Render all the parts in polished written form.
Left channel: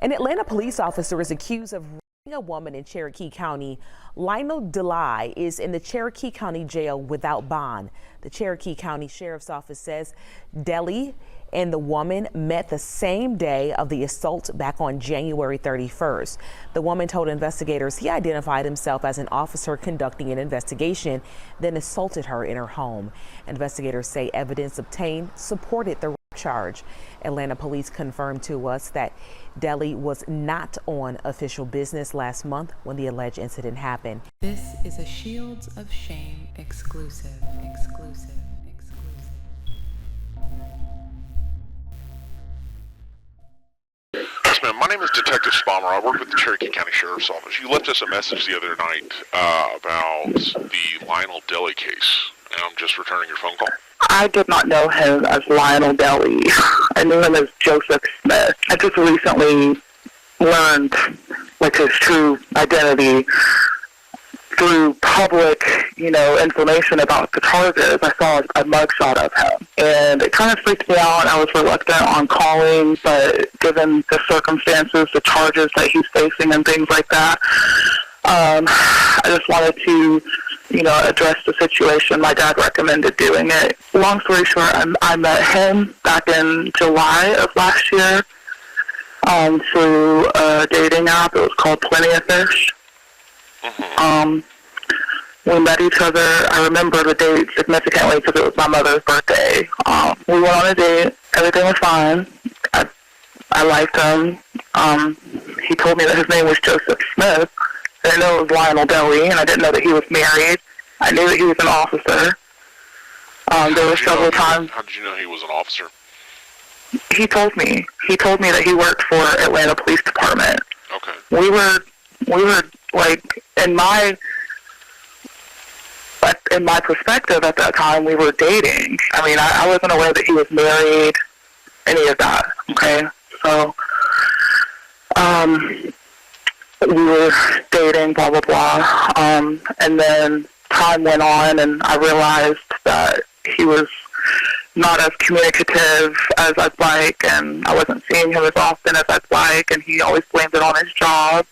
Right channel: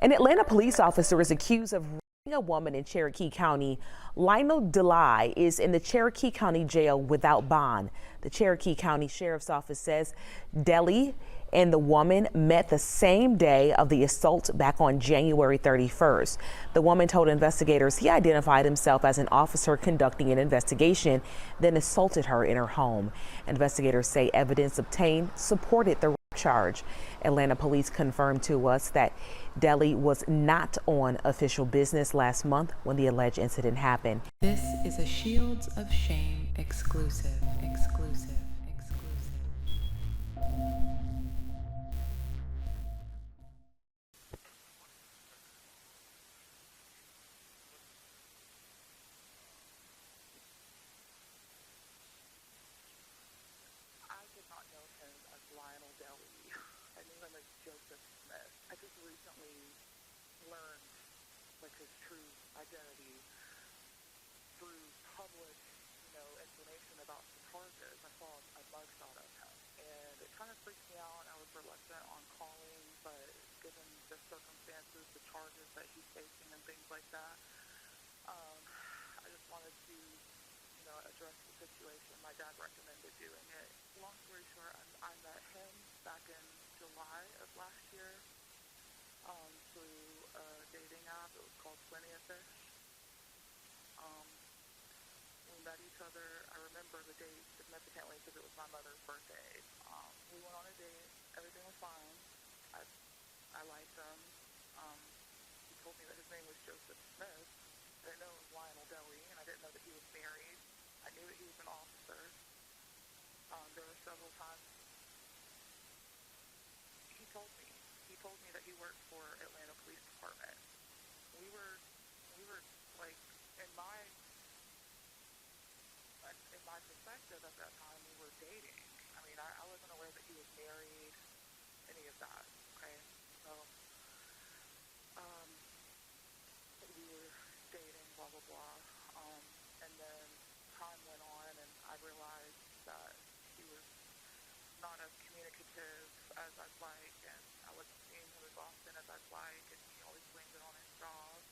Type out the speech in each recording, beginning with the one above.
An Atlanta police officer is accused of raping a woman in Cherokee County. Lionel Joseph is in the Cherokee County jail without bond. The Cherokee County Sheriff's Office says Dely and the woman met the same day of the assault back on January 31st. The woman told investigators he identified himself as an officer conducting an investigation, then assaulted her in her home. Investigators say evidence obtained supported the charge. Atlanta police confirmed to us that Dely was not on official business last month when the alleged incident happened. This is a Shields of Shame exclusive. Yes, ma'am. My name is Detective Spalmer. I work with the Cherokee County Sheriff's Office. You left us a message the other night about the Lionel Dely case, and I'm just returning your phone call. I did not know him as Lionel Dely. I knew him as Joseph Smith. I just recently learned his true identity through public, information about the charges. I saw a mugshot of him, and it kind of freaked me out. I was reluctant on calling, but given the circumstances, the charges that he's facing and things like that, I just wanted to address the situation. My dad recommended doing it. Long story short, I met him back in July of last year through a dating app. It was called Plenty of Fish. We met each other. I remember the date significantly because it was my mother's birthday. We went on a date. Everything was fine. I liked him. He told me that his name was Joseph Smith. I didn't know it was Lionel Dely, and I didn't know that he was married. I knew that he was an officer. There were several times. How did you know he was an officer? He told me. He told me that he worked for Atlanta Police Department. Okay. We were like, in my perspective at that time, we were dating. I mean, I wasn't aware that he was married, any of that. Okay, so we were dating, blah, blah, blah. And then time went on, and I realized that he was not as communicative as I'd like, and I wasn't seeing him as often as I'd like, and he always blamed it on his job.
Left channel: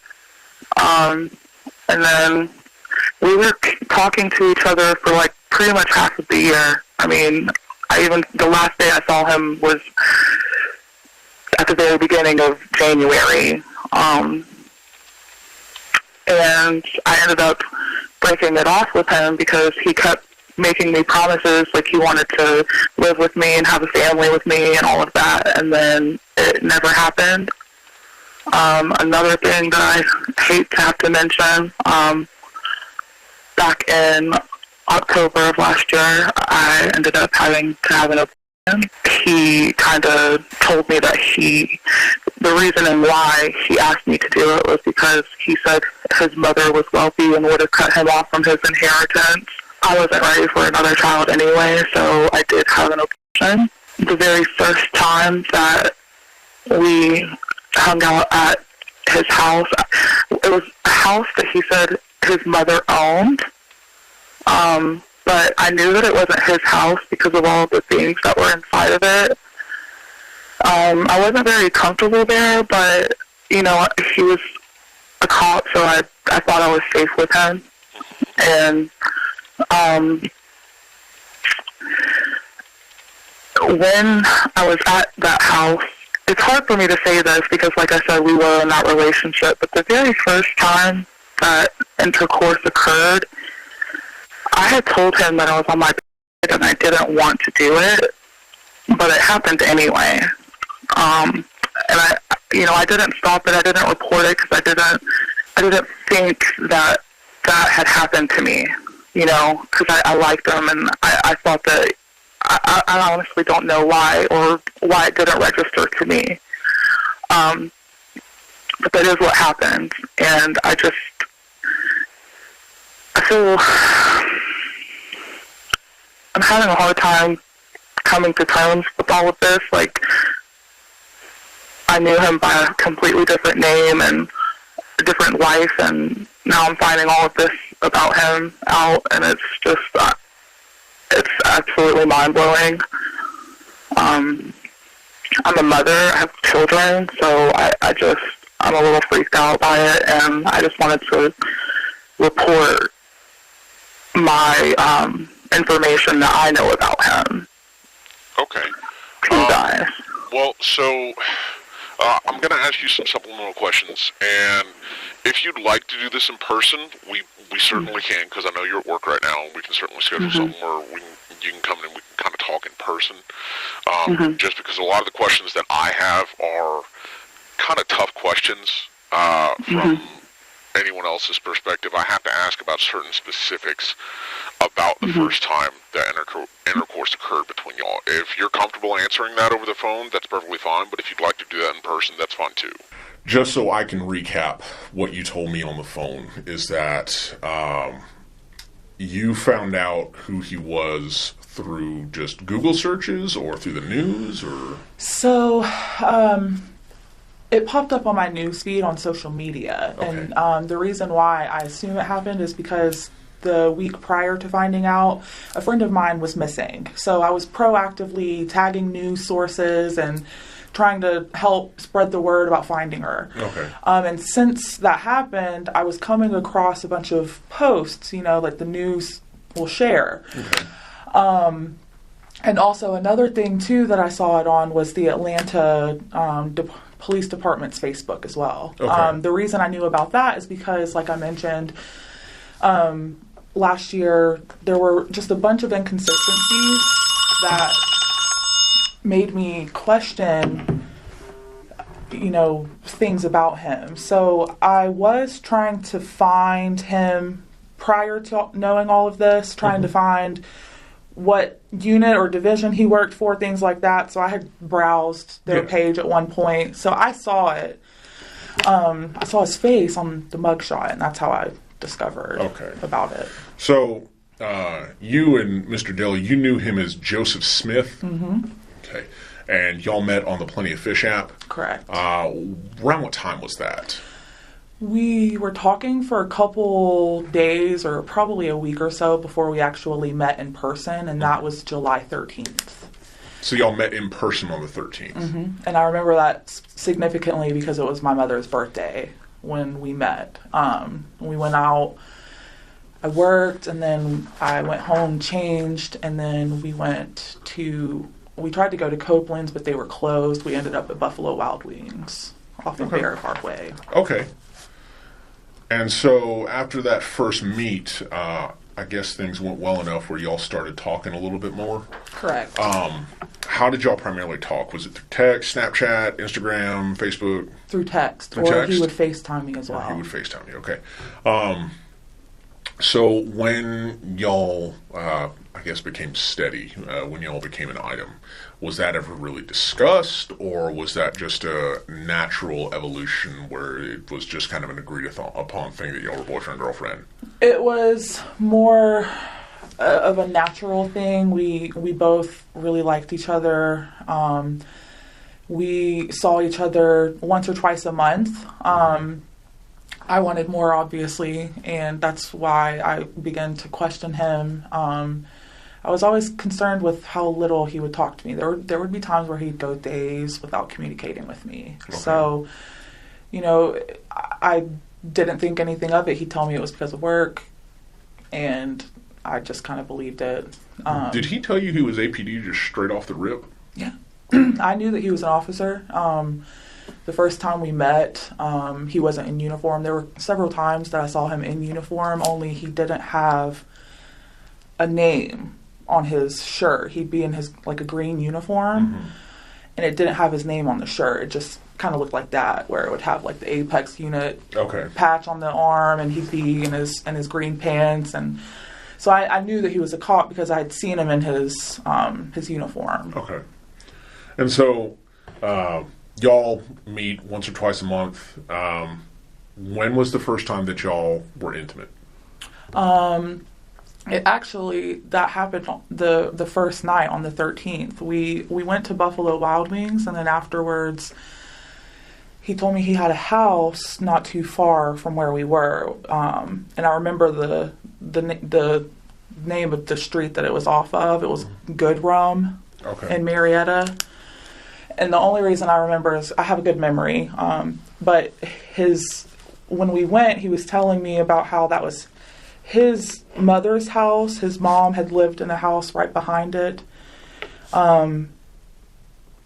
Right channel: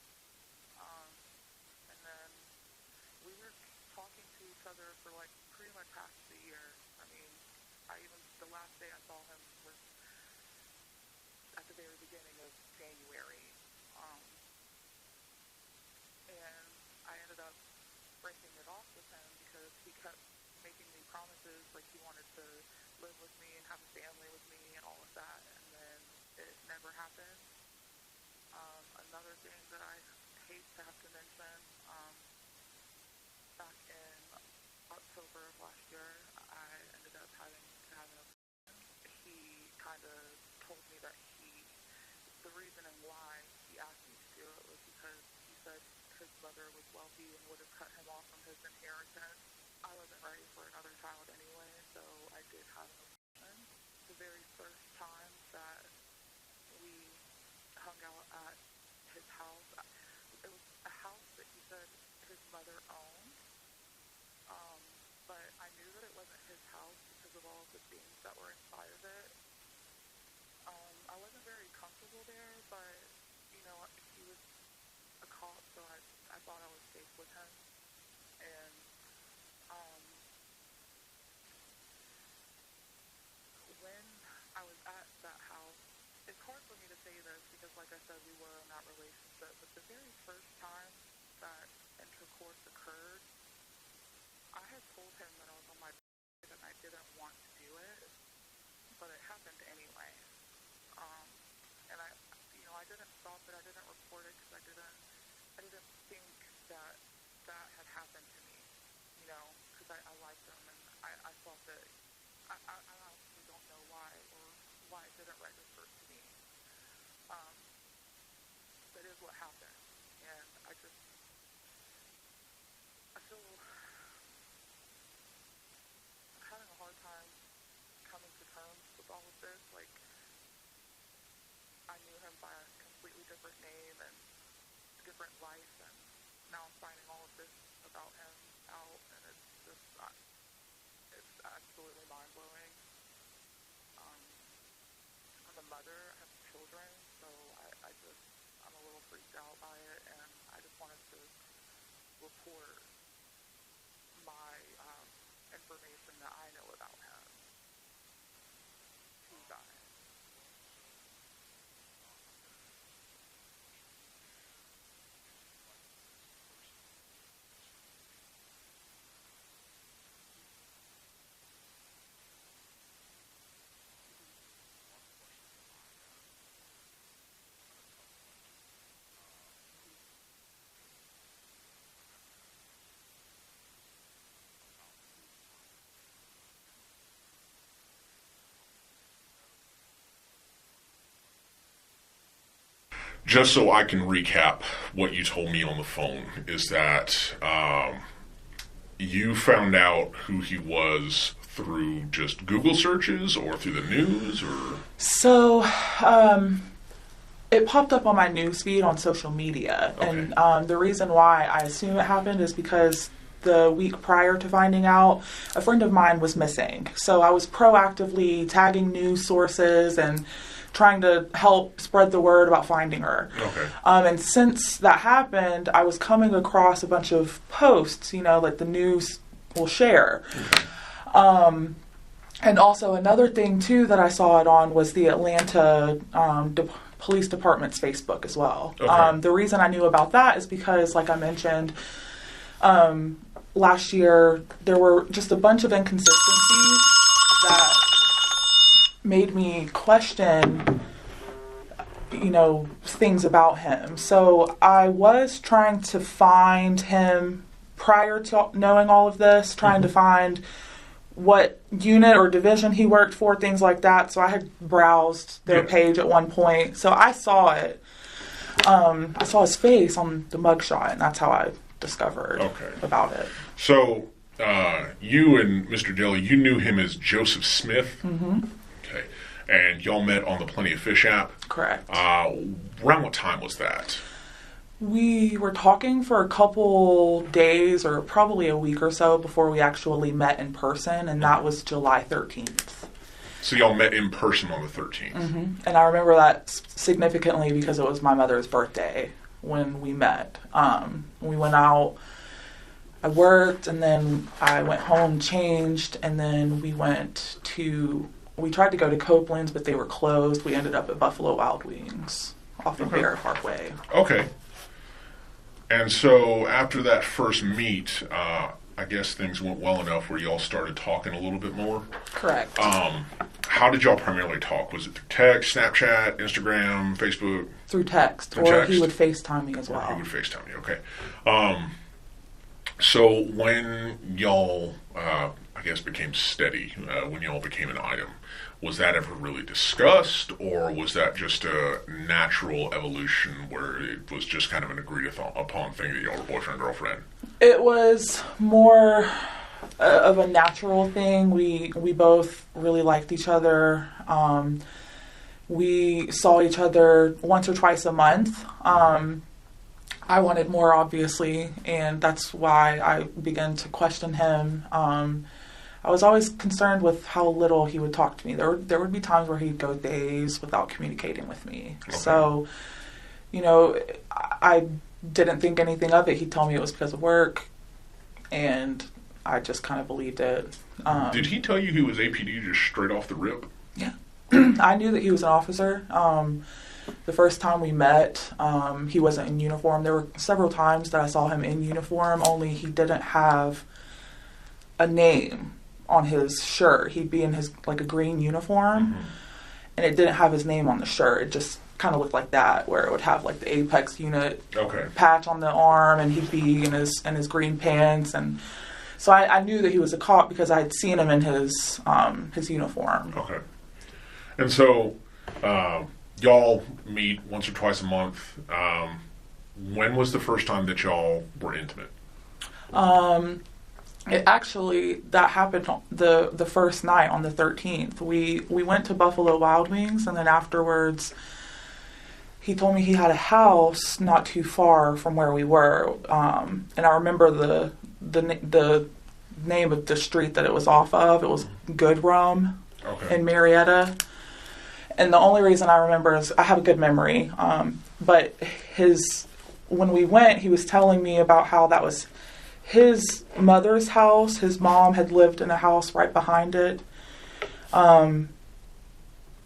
And then we were talking to each other for pretty much half of the year. I mean, the last day I saw him was at the very beginning of January. And I ended up breaking it off with him because he kept making me promises like he wanted to live with me and have a family with me and all of that, and then it never happened. Another thing that I hate to have to mention, back in October of last year, I ended up having to have an abortion. He kind of told me that the reason and why he asked me to do it was because he said his mother was wealthy and would have cut him off from his inheritance. I wasn't ready for another child anyway, so I did have an abortion. The very first time that we hung out at his house, it was a house that he said his mother owned, but I knew that it wasn't his house because of all the things that were inside of it. I wasn't very comfortable there, but, he was a cop, so I thought I was safe with him. And when I was at that house, it's hard for me to say this because, like I said, we were in that relationship, but the very first time that intercourse occurred, I had told him that I was on my period and I didn't want to do it, but it happened anyway. And I didn't stop it. I didn't report it because I didn't think that had happened to me, because I liked him, and I thought that I honestly don't know why or why it didn't register to me. But that is what happened, and I feel I'm having a hard time coming to terms with all of this. I knew him by a completely different name and a different life, and now I'm finding all of this about him out, and it's just, it's absolutely mind-blowing. I'm a mother, I have children, so I just, I'm a little freaked out by it, and I just wanted to report my information that I know about him. Okay. To you guys. Well, so I'm going to ask you some supplemental questions, and if you'd like to do this in person, we certainly can, because I know you're at work right now, and we can certainly schedule something where you can come in and we can kind of talk in person, just because a lot of the questions that I have are kind of tough questions from anyone else's perspective. I have to ask about certain specifics about the first time that intercourse occurred between y'all. If you're comfortable answering that over the phone, that's perfectly fine, but if you'd like to do that in person, that's fine too. Just so I can recap what you told me on the phone is that you found out who he was through just Google searches or through the news, or? So, it popped up on my newsfeed on social media, and the reason why I assume it happened is because the week prior to finding out, a friend of mine was missing. So I was proactively tagging news sources and trying to help spread the word about finding her. And since that happened, I was coming across a bunch of posts, like the news will share. And also another thing too that I saw it on was the Atlanta Police Department's Facebook as well. The reason I knew about that is because, like I mentioned, last year there were just a bunch of inconsistencies that made me question, things about him. So I was trying to find him prior to knowing all of this, trying to find what unit or division he worked for, things like that. So I had browsed their page at one point. So I saw it. I saw his face on the mugshot, and that's how I discovered about it. So you and Mr. Dely, you knew him as Joseph Smith? Okay. And y'all met on the Plenty of Fish app? Correct. Around what time was that? We were talking for a couple days, or probably a week or so, before we actually met in person, and that was July 13th. So y'all met in person on the 13th? And I remember that significantly because it was my mother's birthday when we met. We went out, I worked, and then I went home, changed, and then we tried to go to Copeland's, but they were closed. We ended up at Buffalo Wild Wings off of Bear Parkway. Okay. And so after that first meet, I guess things went well enough where y'all started talking a little bit more? Correct. How did y'all primarily talk? Was it through text, Snapchat, Instagram, Facebook? Through text. Through text? He would FaceTime me as well. He would FaceTime you, okay. So when y'all, I guess, became steady, when y'all became an item, was that ever really discussed, or was that just a natural evolution where it was just kind of an agreed upon thing that y'all were boyfriend and girlfriend? It was more of a natural thing. We both really liked each other. We saw each other once or twice a month. I wanted more, obviously, and that's why I began to question him. I was always concerned with how little he would talk to me. There would be times where he'd go days without communicating with me. Okay. So, I didn't think anything of it. He'd tell me it was because of work, and I just kind of believed it. Did he tell you he was APD just straight off the rip? Yeah. I knew that he was an officer. The first time we met, he wasn't in uniform. There were several times that I saw him in uniform, only he didn't have a name on his shirt. He'd be in his, a green uniform, and it didn't have his name on the shirt. It just kind of looked like that, where it would have, the Apex unit patch on the arm, and he'd be in his green pants, and so I knew that he was a cop because I had seen him in his uniform. Okay. And so, y'all meet once or twice a month. When was the first time that y'all were intimate? That happened the first night on the 13th. We went to Buffalo Wild Wings, and then afterwards, he told me he had a house not too far from where we were. And I remember the name of the street that it was off of. It was Good Rum in Marietta. And the only reason I remember is I have a good memory. But when we went, he was telling me about how that was his mother's house. His mom had lived in a house right behind it.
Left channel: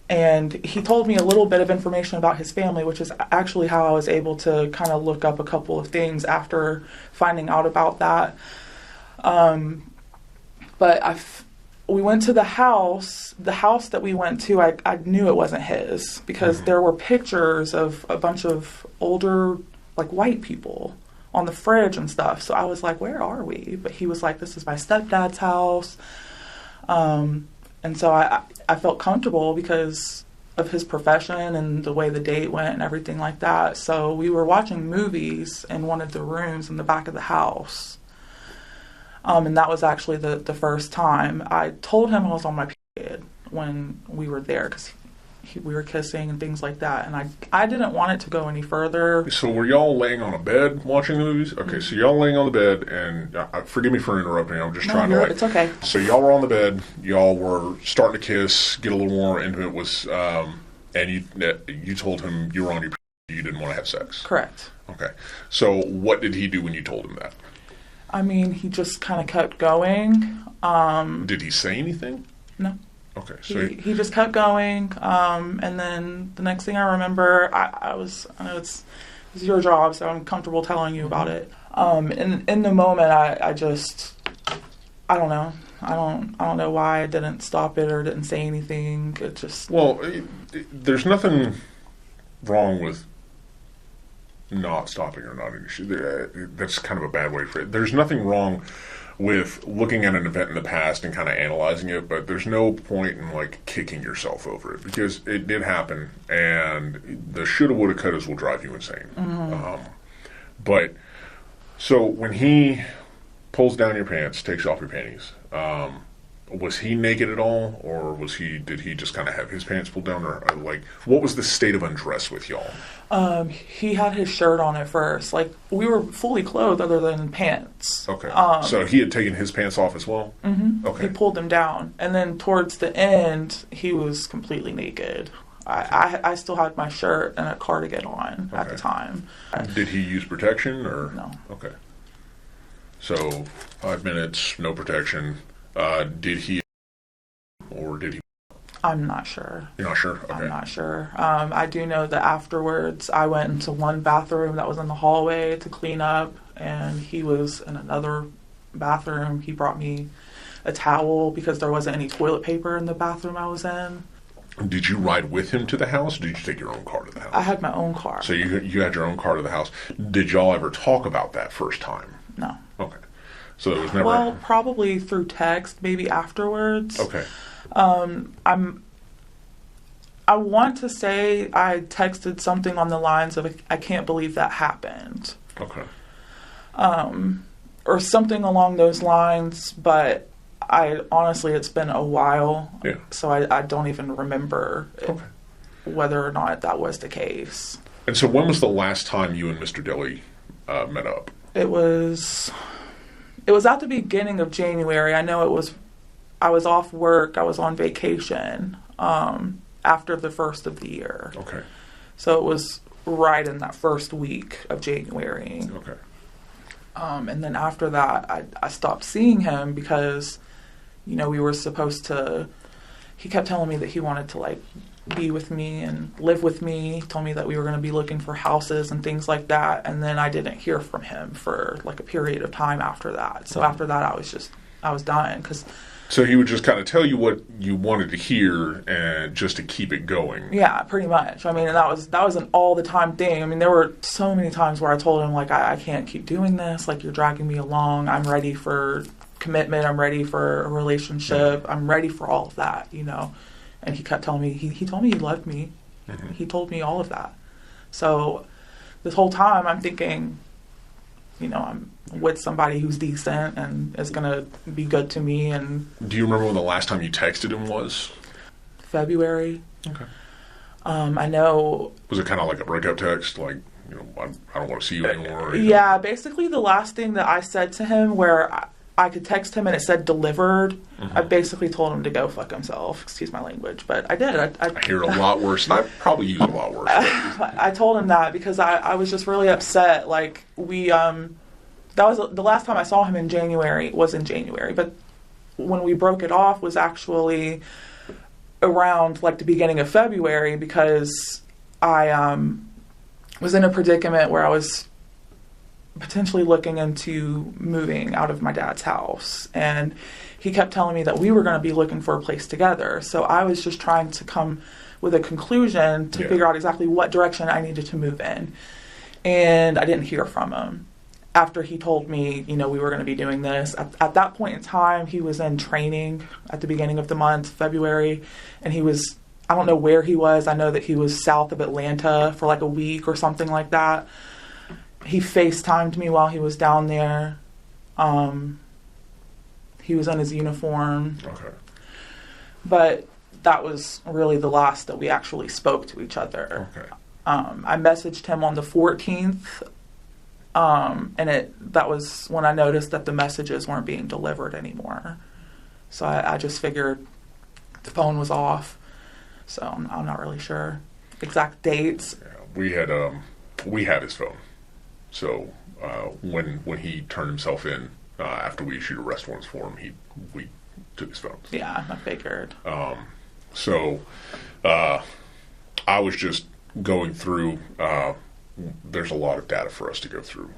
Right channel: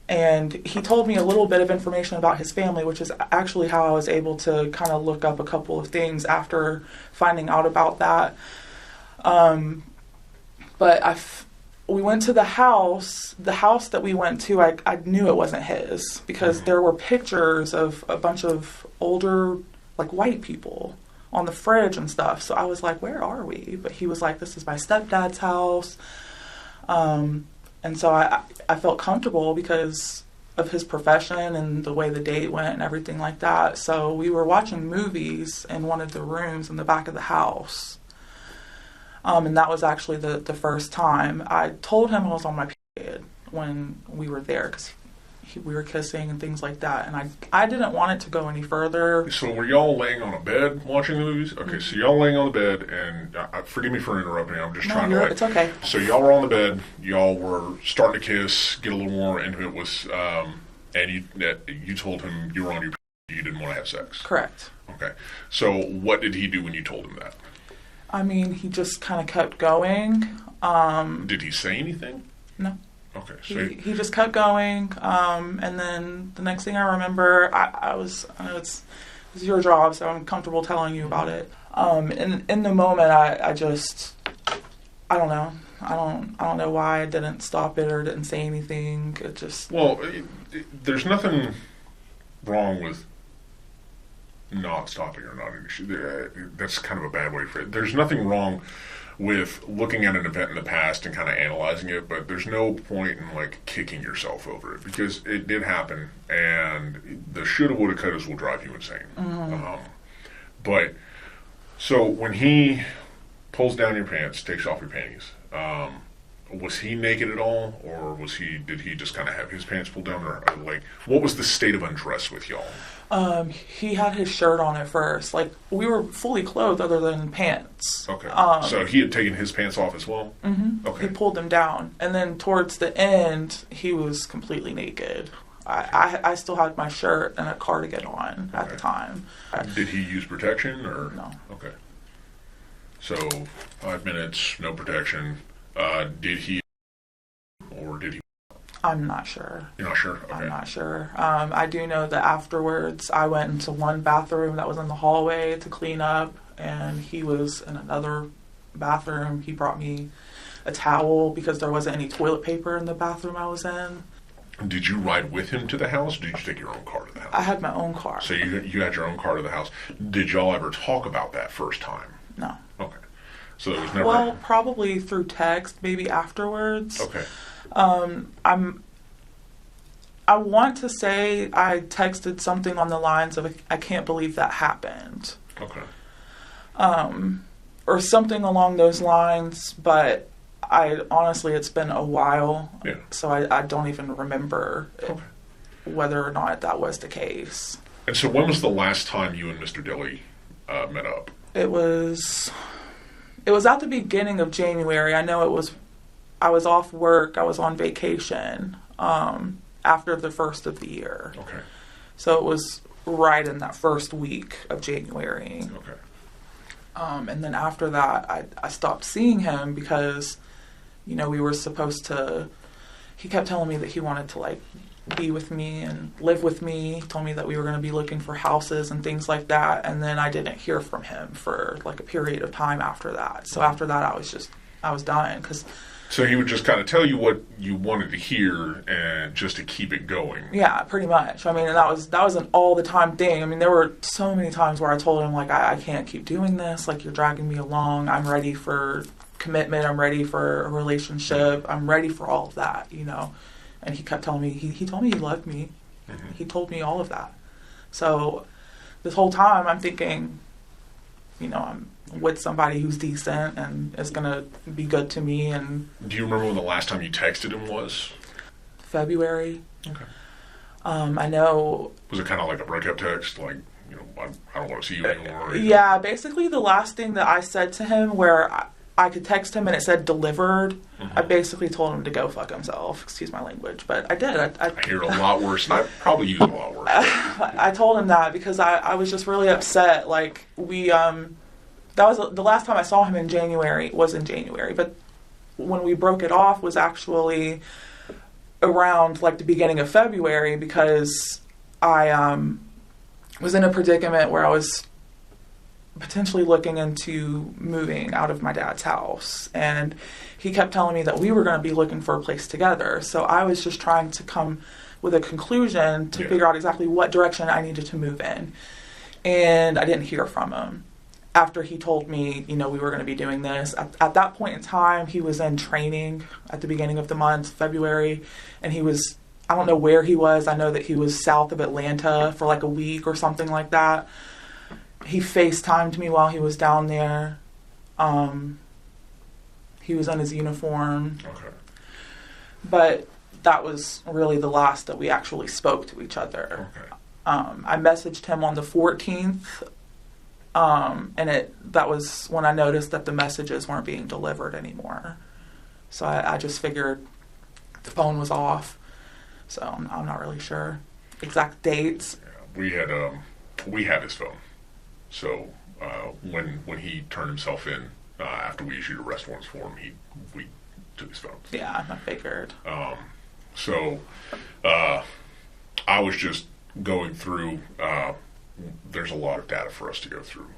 And he told me a little bit of information about his family, which is actually how I was able to kind of look up a couple of things after finding out about that. But we went to the house that we went to, I knew it wasn't his because there were pictures of a bunch of older, like, white people on the fridge and stuff. So I was like, where are we? But he was like, this is my stepdad's house. And so I felt comfortable because of his profession and the way the date went and everything like that. So we were watching movies in one of the rooms in the back of the house. And that was actually the first time. I told him I was on my period when we were there because we were kissing and things like that. And I didn't want it to go any further. So were y'all laying on a bed watching the movies? Okay, so y'all laying on the bed, and forgive me for interrupting. I'm just trying to. It's okay. So y'all were on the bed. Y'all were starting to kiss, get a little more intimate with, and you told him you were on your period. You didn't want to have sex. Correct. Okay. So what did he do when you told him that? I mean, he just kind of kept going. Did he say anything? No. Okay. So he just kept going. And then the next thing I remember, I know it's your job, so I'm comfortable telling you about it. In the moment, I don't know. I don't know why I didn't stop it or didn't say anything. It just... Well, there's nothing wrong with not stopping or not. That's kind of a bad way for it. There's nothing wrong with looking at an event in the past and kind of analyzing it, but there's no point in, like, kicking yourself over it because it did happen, and the shoulda, woulda, couldas will drive you insane. Mm-hmm. But so when he pulls down your pants, takes off your panties, was he naked at all, or did he just kind of have his pants pulled down, or like, what was the state of undress with y'all? He had his shirt on at first. Like, we were fully clothed other than pants. Okay. So he had taken his pants off as well? Mm-hmm. Okay. He pulled them down. And then towards the end, he was completely naked. I still had my shirt and a cardigan on at the time. Did he use protection, or? No. Okay. So 5 minutes, no protection. Did he, or did he? I'm not sure. You're not sure? Okay. I'm not sure. I do know that afterwards I went into one bathroom that was in the hallway to clean up, and he was in another bathroom. He brought me a towel because there wasn't any toilet paper in the bathroom I was in. Did you ride with him to the house, or did you take your own car to the house? I had my own car. So you had your own car to the house. Did y'all ever talk about that first time? No. Okay. So it was never... Well, probably through text, maybe afterwards. Okay. I want to say I texted something on the lines of, I can't believe that happened. Okay. Or something along those lines, but honestly, it's been a while. Yeah. So I don't even remember whether or not that was the case. And so when was the last time you and Mr. Dely met up? It was at the beginning of January. I know I was off work. I was on vacation after the first of the year. Okay. So it was right in that first week of January. Okay. And then after that, I stopped seeing him because, we were supposed to... He kept telling me that he wanted to, like, be with me and live with me. He told me that we were going to be looking for houses and things like that. And then I didn't hear from him for, like, a period of time after that. So after that, I was dying. So he would just kind of tell you what you wanted to hear and just to keep it going. Yeah, pretty much. I mean, and that was an all the time thing. I mean, there were so many times where I told him, like, I can't keep doing this. Like, you're dragging me along. I'm ready for commitment. I'm ready for a relationship. I'm ready for all of that, And he kept telling me, he told me he loved me. Mm-hmm. He told me all of that. So this whole time I'm thinking, I'm with somebody who's decent and is going to be good to me. And do you remember when the last time you texted him was? February. Okay. I know. Was it kind of like a breakup text? Like, I don't want to see you anymore? Yeah, basically the last thing that I said to him where I could text him and it said delivered, I basically told him to go fuck himself. Excuse my language, but I did. I hear it a lot worse, and I probably use it a lot worse. I told him that because I was just really upset. Like, that was the last time I saw him in January, was in January, but when we broke it off was actually around like the beginning of February, because I was in a predicament where I was potentially looking into moving out of my dad's house, and he kept telling me that we were going to be looking for a place together. So I was just trying to come with a conclusion to figure out exactly what direction I needed to move in, and I didn't hear from him after he told me, we were going to be doing this. At that point in time, he was in training at the beginning of the month, February, and I don't know where he was. I know that he was south of Atlanta for like a week or something like that. He FaceTimed me while he was down there. He was in his uniform. Okay. But that was really the last that we actually spoke to each other. Okay. I messaged him on the 14th, and that was when I noticed that the messages weren't being delivered anymore. So I just figured the phone was off. So I'm not really sure exact dates. Yeah, we had his phone. So when he turned himself in after we issued arrest warrants for him, we took his phone. Yeah, I figured. So I was just going through. There's a lot of data for us to go through.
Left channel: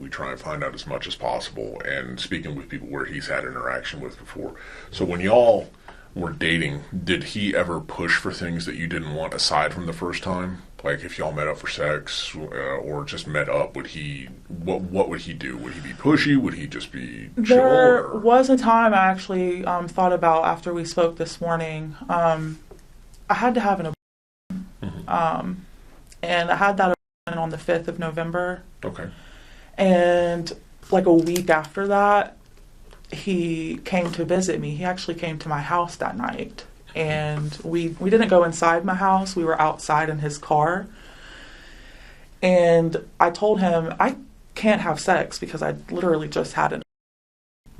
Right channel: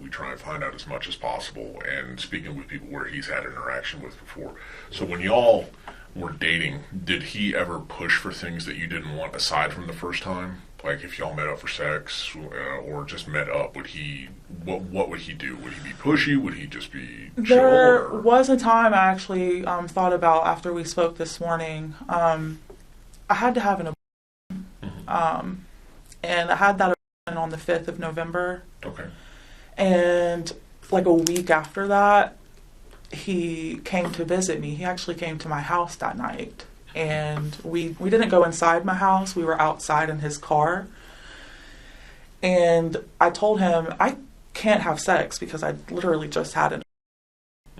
We try and find out as much as possible, and speaking with people where he's had interaction with before. So when y'all were dating, did he ever push for things that you didn't want aside from the first time? Like if y'all met up for sex or just met up, what would he do? Would he be pushy? Would he just be chill? There was a time I actually thought about after we spoke this morning. I had to have an abortion. And I had that abortion on the 5th of November. Okay. And like a week after that, he came to visit me. He actually came to my house that night. And we didn't go inside my house. We were outside in his car. And I told him, I can't have sex because I literally just had it.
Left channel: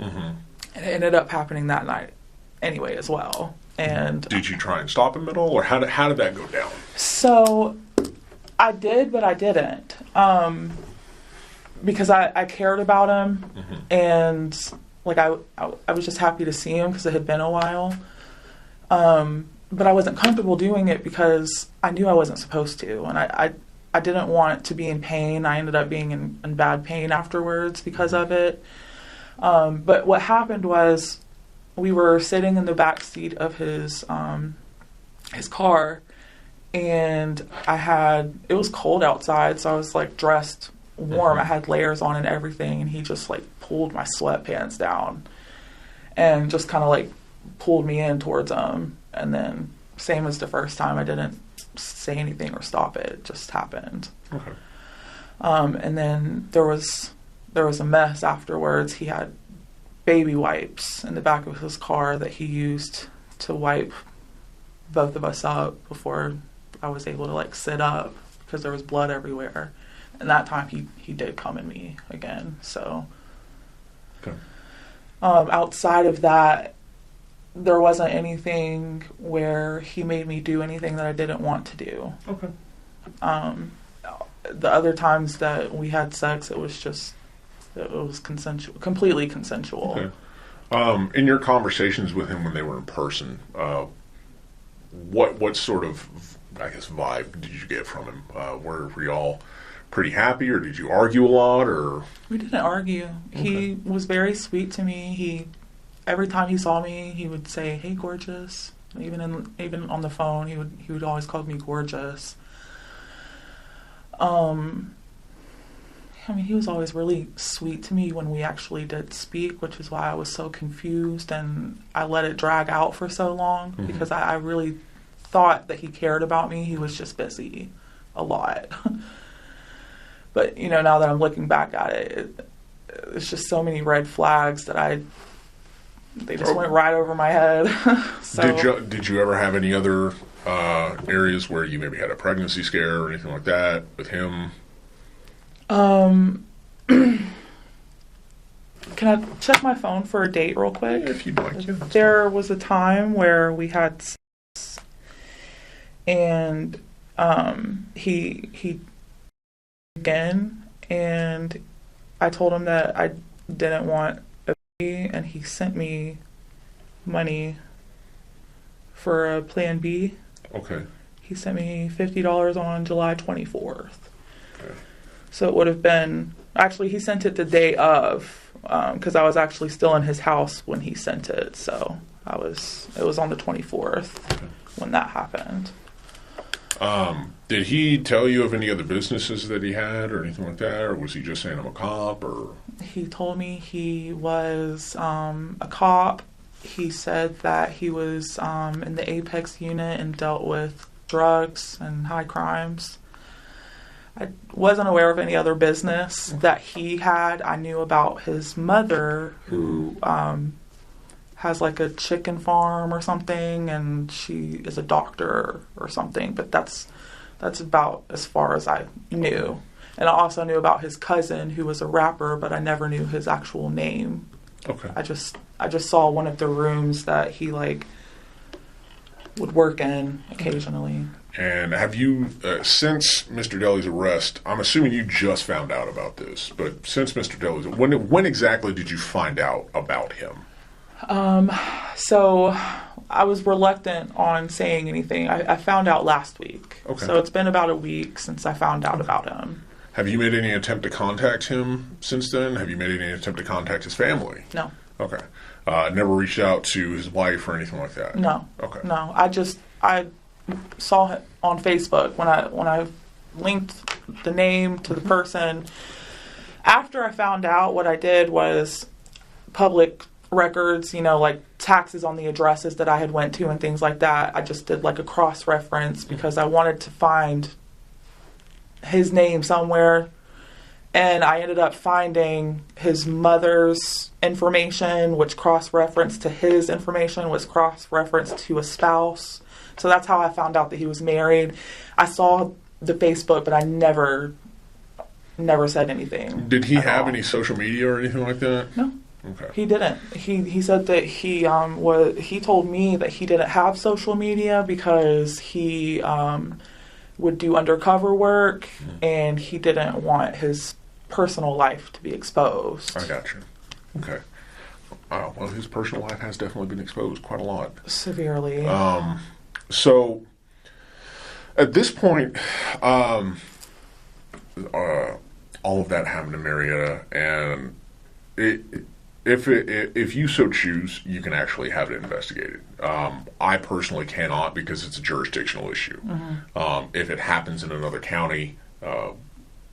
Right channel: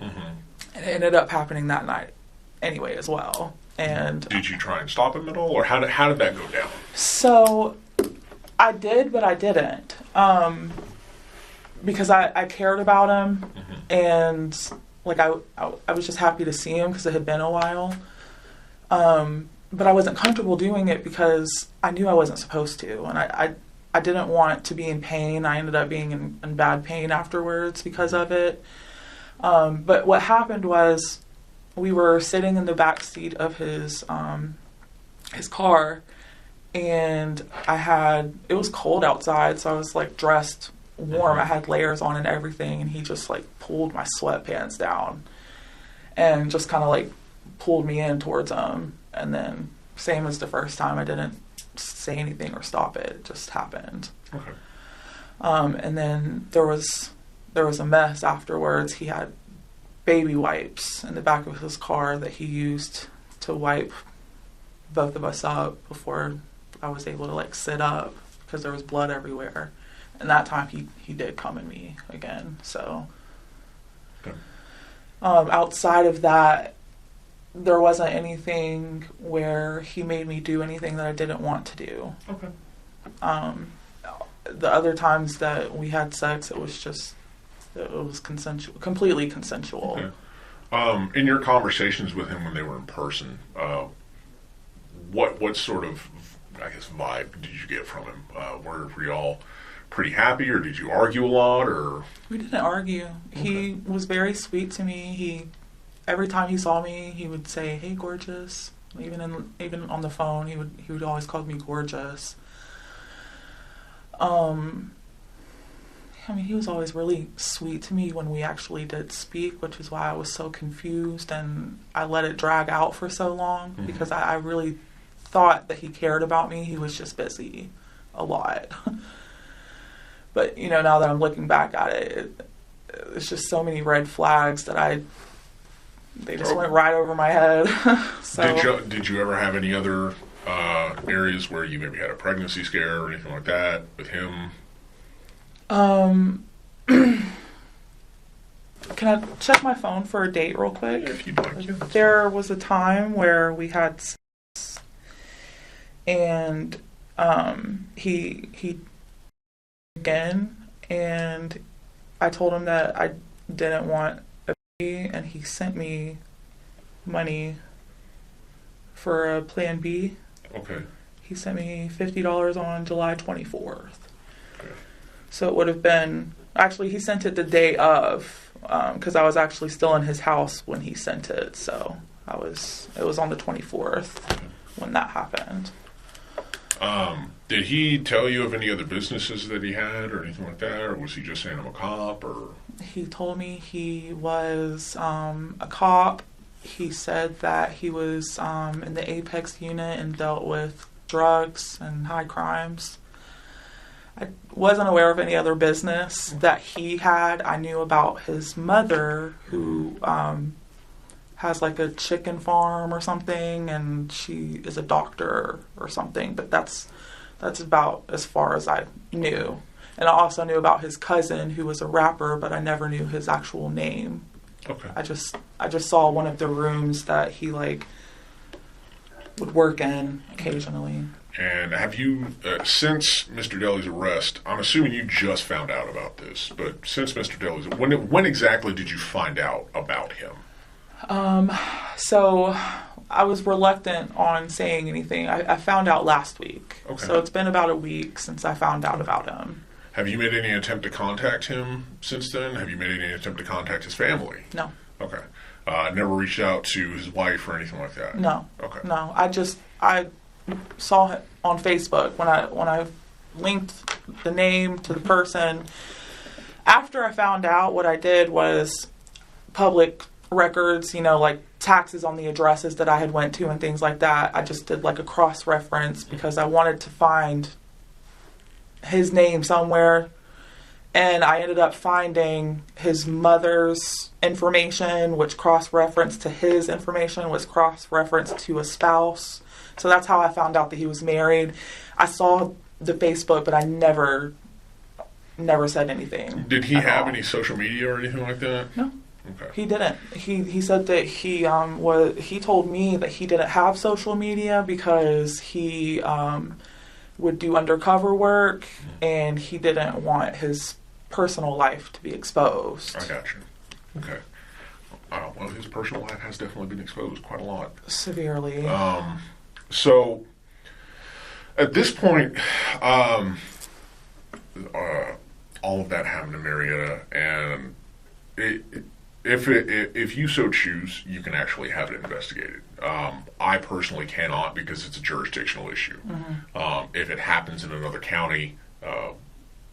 Mm-hmm. And it ended up happening that night anyway as well. And did you try and stop him at all? Or how did that go down? So I did, but I didn't. Because I cared about him. Mm-hmm. And like I was just happy to see him because it had been a while. But I wasn't comfortable doing it because I knew I wasn't supposed to, and I didn't want to be in pain. I ended up being in bad pain afterwards because of it. But what happened was we were sitting in the back seat of his car, and it was cold outside, so I was like dressed warm. I had layers on and everything, and he just like pulled my sweatpants down and just kind of like pulled me in towards him. And then same as the first time, I didn't say anything or stop it. It just happened. Okay. And then there was a mess afterwards. He had baby wipes in the back of his car that he used to wipe both of us up before I was able to like sit up because there was blood everywhere. And that time he did come at me again. So okay. Outside of that, there wasn't anything where he made me do anything that I didn't want to do. Okay. The other times that we had sex, it was consensual, completely consensual. Okay. In your conversations with him when they were in person, what sort of, I guess, vibe did you get from him? Were y'all pretty happy, or did you argue a lot, or? We didn't argue. Okay. He was very sweet to me. Every time he saw me, he would say, "Hey, gorgeous." Even on the phone, he would always call me gorgeous. He was always really sweet to me when we actually did speak, which is why I was so confused and I let it drag out for so long because I really thought that he cared about me. He was just busy a lot. But now that I'm looking back at it, it's just so many red flags that they just went right over my head. So, did you ever have any other areas where you maybe had a pregnancy scare or anything like that with him? Can I check my phone for a date real quick? If you'd like to. There was a time where we had sex, and he again, and I told him that I didn't want a baby, and he sent me money for a plan B. Okay. He sent me $50 on July 24th. Okay. So it would have been, actually he sent it the day of, because I was actually still in his house when he sent it. So it was on the 24th when that happened. Did he tell you of any other businesses that he had or anything like that, or was he just saying I'm a cop? Or he told me he was a cop. He said that he was in the Apex unit and dealt with drugs and high crimes. I wasn't aware of any other business that he had. I knew about his mother, who has like a chicken farm or something, and she is a doctor or something, but that's about as far as I knew. And I also knew about his cousin, who was a rapper, but I never knew his actual name. okay. I just saw one of the rooms that he like would work in occasionally. And have you, since Mr. Dely's arrest, I'm assuming you just found out about this, but since Mr. Dely's, when exactly did you find out about him? So I was reluctant on saying anything. I found out last week. Okay. So it's been about a week since I found out about him. Have you made any attempt to contact him since then? Have you made any attempt to contact his family? No. Okay. Never reached out to his wife or anything like that? No. Okay. No. I saw it on Facebook when I linked the name to the person. After I found out, what I did was public records, like taxes on the addresses that I had went to and things like that. I just did like a cross-reference because I wanted to find his name somewhere. And I ended up finding his mother's information, which cross-referenced to his information, was cross-referenced to a spouse. So that's how I found out that he was married. I saw the Facebook, but I never said anything. Did he have any social media or anything like that? No. Okay. He didn't. He said that he told me that he didn't have social media because he would do undercover work and he didn't want his personal life to be exposed. I gotcha. Okay. Well, his personal life has definitely been exposed quite a lot. Severely. So, at this point, all of that happened in Marietta, and if you so choose, you can actually have it investigated. I personally cannot because it's a jurisdictional issue. Mm-hmm. If it happens in another county,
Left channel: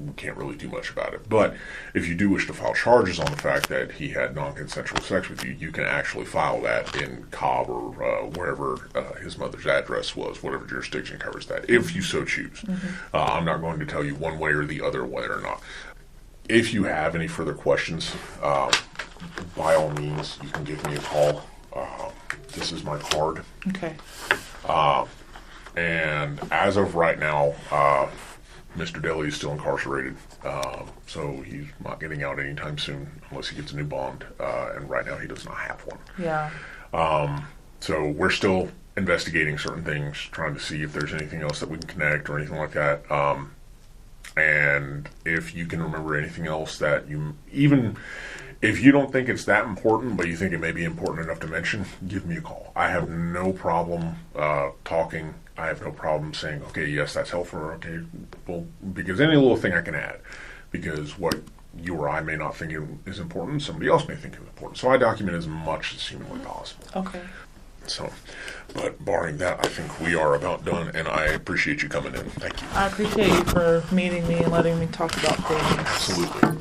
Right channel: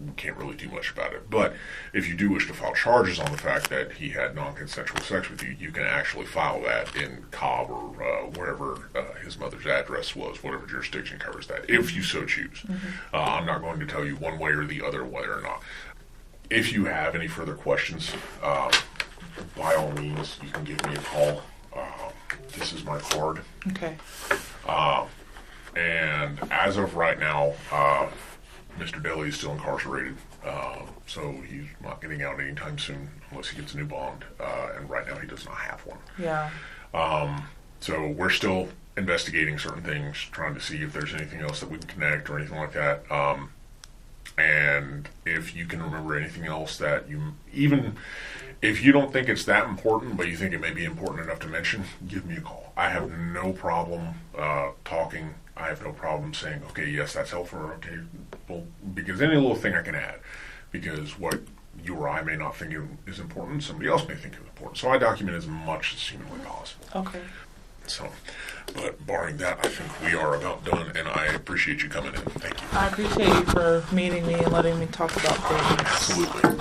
we can't really do much about it. But if you do wish to file charges on the fact that he had non-consensual sex with you, you can actually file that in Cobb or wherever his mother's address was, whatever jurisdiction covers that, if you so choose. Mm-hmm. I'm not going to tell you one way or the other whether or not. If you have any further questions, by all means, you can give me a call. This is my card. Okay. And as of right now, Mr. Dely is still incarcerated, so he's not getting out anytime soon unless he gets a new bond, and right now he does not have one. Yeah. So we're still investigating certain things, trying to see if there's anything else that we can connect or anything like that. And if you can remember anything else that even if you don't think it's that important, but you think it may be important enough to mention, give me a call. I have no problem talking. I have no problem saying, okay, yes, that's helpful, or okay, well, because any little thing I can add, because what you or I may not think is important, somebody else may think is important. So I document as much as humanly possible. Okay. So, but barring that, I think we are about done, and I appreciate you coming in. Thank you. I appreciate you for meeting me and letting me talk about things. Absolutely.